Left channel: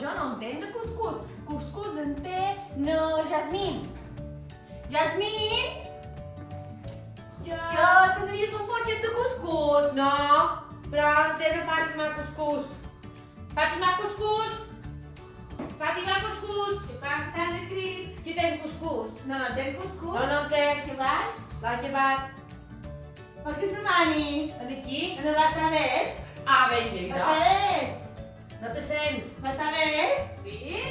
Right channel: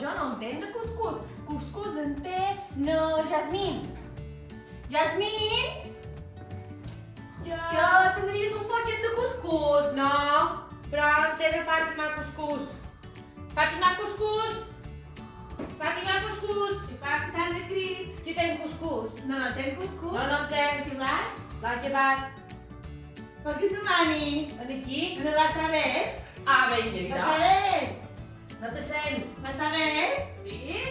jo no entenc de cuscús. Cuscús entén Jasmine. Jasmine? Que tindries un paquet de cuscús. No, però teva Fàtima cuscús. Fàtima cuscús. Fàtima cuscús. Què passa tant de crits? Qui té cuscús? No tenc cuscús. No té. Qui l'hai? L'ha llevat. Per què tu, mami? Aquí? No vas saber? Ah, ben lleida. Vas saber? No te sent. Vas saber? Sí?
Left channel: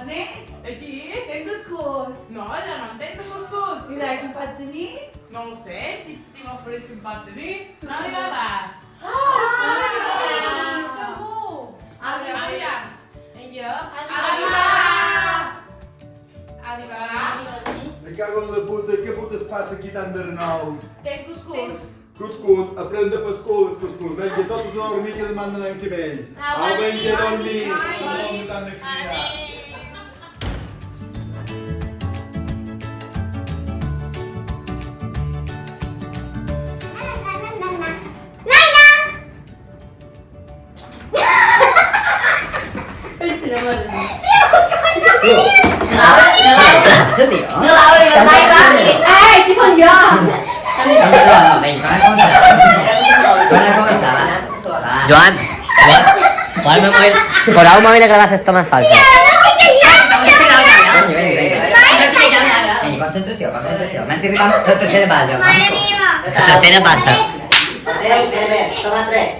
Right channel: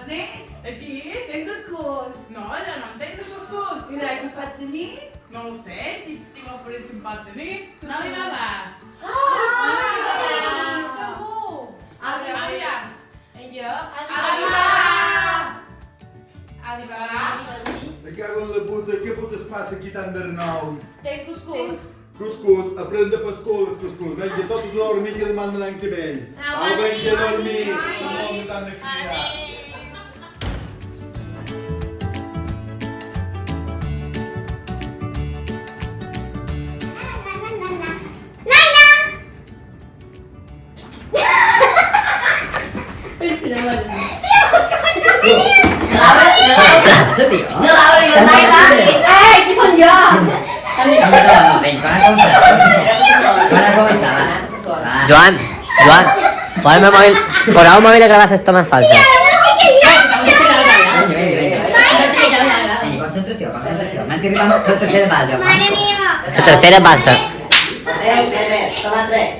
On ets? Aquí? Tenc cuscús. No, ja no entenc cuscús. I de qui pot tenir? No ho sé, tinc oferit que em pot tenir. No li va va. Segur! Àvia. I jo? Me cago en la puta, què puta es passa aquí tant de renou? Tenc cuscús. Cuscús, aprèn de pescou el cuscús. Vinga, tots a dormir que demà anem que vell. Au, vinga, a dormir. No tant de cridar. Qui són jo? Joan, pon el móvil, por el móvil a grabar las tomas falsas. Concentració. M'han arribat la tercera base. La tercera passa. Toma 3.